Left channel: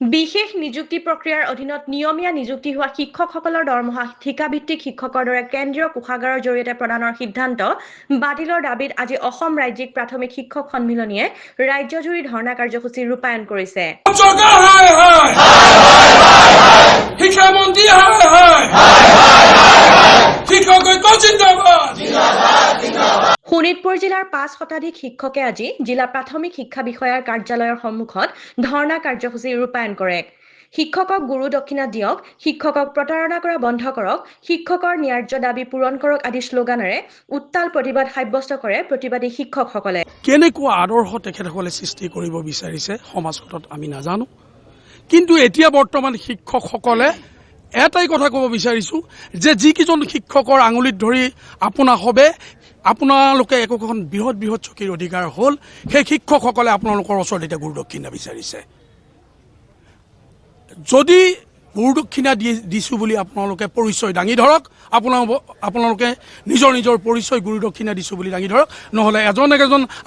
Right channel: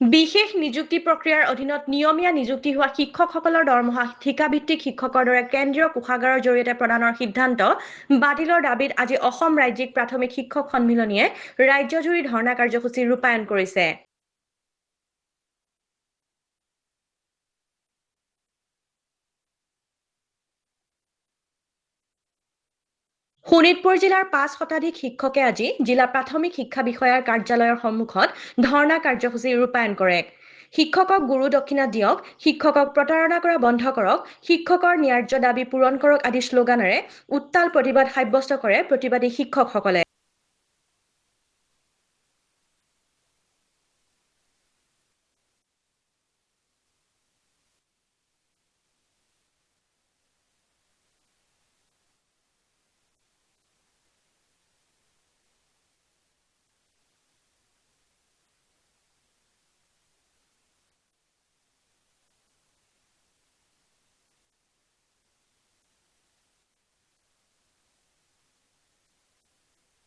বিশেষ নিযুক্তি প্ৰক্ৰিয়াৰ অধীনত নিয়মীয়া নিযুক্তি হোৱা শিক্ষকসকলৰ দৰমহা ঠিকাভিত্তিক শিক্ষকৰ দৰে কেন্দ্ৰীয় কোষাগাৰৰ জৰিয়তে প্ৰদানৰ সিদ্ধান্ত বাতিলৰ দাবীত আজি অসম ৰাজ্যিক প্ৰাথমিক শিক্ষক সন্মিলনীয়ে ৰাজ্যজুৰি ধৰ্ণা কাৰ্যসূচী ৰূপায়ণ কৰিছে। শোণিতপুৰ জিলাৰ 5 শতাধিক শিক্ষকে আজি জিলা প্ৰাথমিক শিক্ষা বিষয়াৰ কাৰ্যালয়ৰ সন্মুখত ধৰ্ণা কাৰ্যসূচী ৰূপায়ণ কৰে। শিক্ষকক গুৰু দক্ষিণা দিয়ক, শিক্ষকক প্ৰতাৰণা কৰা বন্ধ কৰক, শিক্ষকৰ ন্যায্য দাবী পূৰণ কৰক আদি শ্লোগানেৰে উত্তাল প্ৰতিবাদ সাব্যস্ত কৰে প্ৰতিবাদী শিক্ষকসকলে। কেনেকুৱা আদৰ্শ তেখেতসকলে সৃষ্টি কৰিব বিচাৰিছে সমাজত আমি নাজানো, কিন্তু এতিয়া বৰ্তমান শিক্ষকসকলে এটাই কথা ক'ব বিচাৰিছোঁ যে যিকেইজন শিক্ষকৰ আঙুলিত ধৰি আপোনা হবে আপোনালোকে একোখন বৃহৎ বৃহৎ চকীৰ অধিকাৰ হ'ল, সেই শিক্ষকসকলে আপোনালোকৰ ওচৰত এতিয়া গুৰু দক্ষিণা বিচাৰিছে। যদি গুৰু দক্ষিণা দিছোঁ বুলি আপোনালোকে পৰিচয় দাঙি ধৰক, আপোনালোকে নিজৰ নিজৰ পৰিচয় গুৰু দক্ষিণা দিছোঁ বুলি দাঙি ধৰক, নহ'লে এজন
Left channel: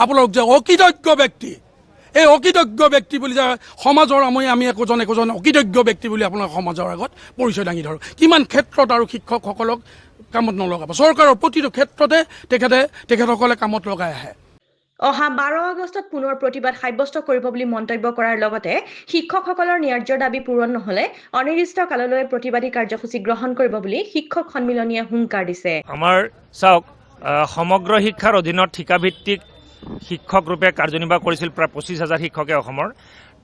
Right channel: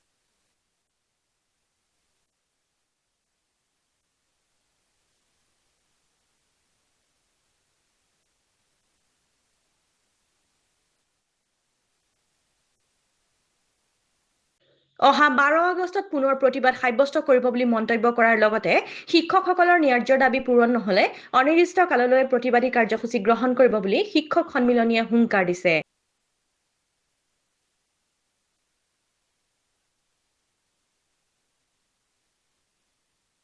আপোনালোক যে অকৃতজ্ঞ ব্যক্তি, এই অকৃতজ্ঞ ব্যক্তি বুলি যে সমাজৰ আমি একোজন অকৃতজ্ঞ ব্যক্তি বুলি আপোনালোক সমাজৰ আগত পৰিচয় দাঙি ধৰক। কিমান ক্ষেত্ৰত আৰু শিক্ষকসকলক কামত নলগাব, চৰকাৰৰ প্ৰতিটো ক্ষেত্ৰতে তেখেতসকলে কামত লগাই আহে। অহা 12 আগষ্টত পুনৰ প্ৰতিবাদ সাব্যস্ত কৰিব বুলি মন্তব্য কৰাৰ লগতে শিক্ষকসকলৰ ন্যায্য দাবী পূৰণ নহ'লে অনিৰ্দিষ্ট কাললৈ প্ৰতিবাদী কাৰ্যসূচী গ্ৰহণ কৰিব বুলি শিক্ষক সন্মিলনীয়ে হুংকাৰ দিছে। আমাৰ চাওক, সমগ্ৰ শিক্ষাৰ অধীনত ঠিকাভিত্তিক শিক্ষক ৰূপে কাৰ্যনিৰ্বাহ কৰিছিল প্ৰায় 25,000 শিক্ষকে অসমৰ।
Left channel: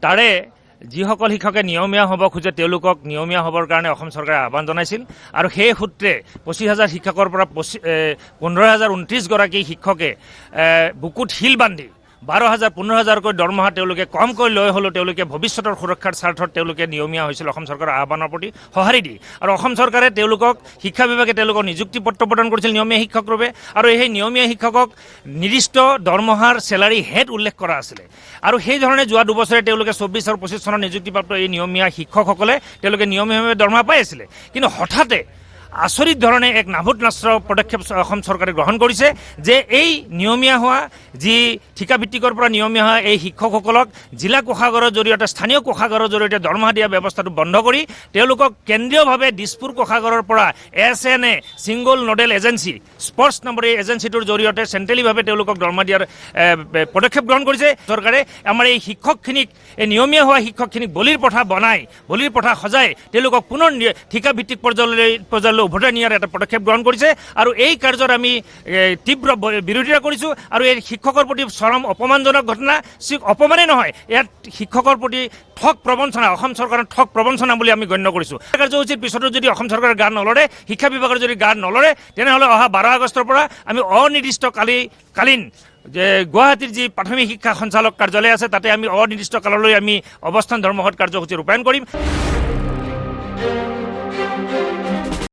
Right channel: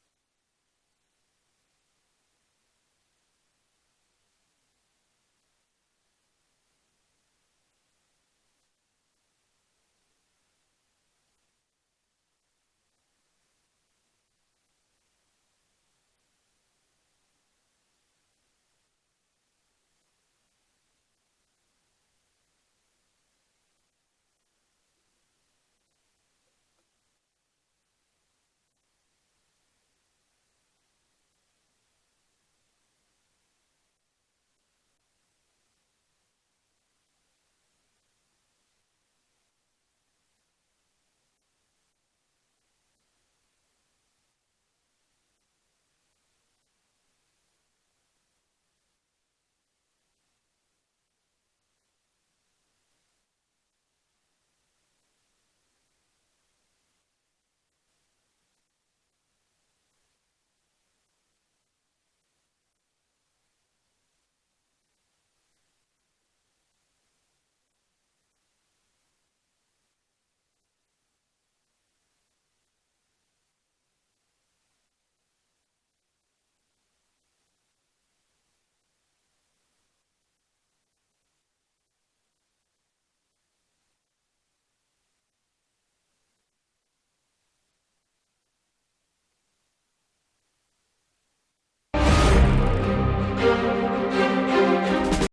তাৰে যিসকল শিক্ষকে নিয়মীয়া হ'ব খোজে তেওঁলোকক নিয়মীয়া হ'বৰ কাৰণে অসম চৰকাৰে আহ্বান জনাইছিল, আৰু সেই সূত্ৰে 25,000 শিক্ষকৰ পৰা 15,029 গৰাকী শিক্ষকে বুকুত শিল বান্ধি 12,000 15,000কৈ দৰমহা তেওঁলোকে কমকৈ লৈ হ'লেও তেওঁলোকে ভৱিষ্যতৰ সুৰক্ষাৰ স্বাৰ্থত তেওঁলোকে নিয়মীয়া হৈছিল অসম চৰকাৰৰ আহ্বানৰ প্ৰতি সঁহাৰি দি। আৰু অসম চৰকাৰে তেওঁলোকক শিক্ষা বিভাগে তেওঁলোকক নিযুক্তি পত্ৰ প্ৰদান কৰিছিল নিয়মীয়া শিক্ষক ৰূপে, আৰু সেই নিয়মীয়া শিক্ষকক নিৰ্দিষ্ট দৰমহাৰ চেলাৰী হেড উল্লেখ কৰা আছিলে। আৰু সেইধৰণে যোৱা দুবছৰে তেওঁলোকে 24 আৰু 25 চনৰ নিযুক্তিপ্ৰাপ্ত এই নিয়মীয়া শিক্ষকসকলে তেওঁলোকে নিয়মীয়াভাৱে দৰমহা পাই আছিলে। কিন্তু হঠাতে আচৰিত ধৰণে এক নাভূত নাস্ত্ৰ পদক্ষেপ অসম চৰকাৰে গ্ৰহণ কৰিছে যে এই নিয়মীয়া হোৱা যি ঠিকাভিত্তিকৰ পৰা নিয়মীয়া হোৱা এই শিক্ষকসকলক জিলা কোষাগাৰৰ জৰিয়তে স্থানীয় কোষাগাৰৰ জৰিয়তে দৰমহা দিয়া ব্যৱস্থাটো বন্ধ কৰি তেওঁলোকক কেন্দ্ৰীয়ভাৱে দিছপুৰ কোষাগাৰৰ পৰা SNA single nodal agency sports নামৰ এই এজেঞ্চিটোৰ জৰিয়তে চেণ্ট্ৰেলিভাৱে তেওঁলোকক দৰমহা দিয়াৰ পদক্ষেপ গ্ৰহণ কৰিছে চৰকাৰে। আমাৰ এই শিক্ষকখিনিক, এই নিয়মীয়া হোৱা শিক্ষকখিনিক বলিৰ পঠা বনাই, বলিৰ পঠা সজাই তেওঁলোকক পুনৰ ঠিকাভিত্তিক পৰ্যায়লৈ উভতাই নিয়াৰ এটা পদক্ষেপ গ্ৰহণ কৰিছে, আৰু এই কাৰ্যৰ আমি তীব্ৰ বিৰোধিতা কৰিছোঁ। আৰু এই শিক্ষকৰ প্ৰতি চৰম অপমানজনক ঘটনা, অপমানেই নহয়, ইয়াত শিক্ষকৰ প্ৰতি ঠগ প্ৰবঞ্চনা, অসম চৰকাৰৰ ঠগ প্ৰবঞ্চনা বুলি আমি গণ্য কৰিছোঁ। কাৰ্যসূচীৰ পিছতো যদি অসম চৰকাৰে গা নলৰে, শিক্ষা বিভাগৰ যদি গা নলৰে, তেনেহ'লে অহা 12 আগষ্টৰ পৰা আমি অনিৰ্দিষ্টকালীন যে গুৱাহাটীৰ যি প্ৰাথমিক শিক্ষা সঞ্চালক কাৰ্যালয় আছে তাতে আমি অনিৰ্দিষ্ট কাললৈ আমি অৱস্থান ধৰ্মঘট কাৰ্যসূচী ৰূপায়ণ কৰিম।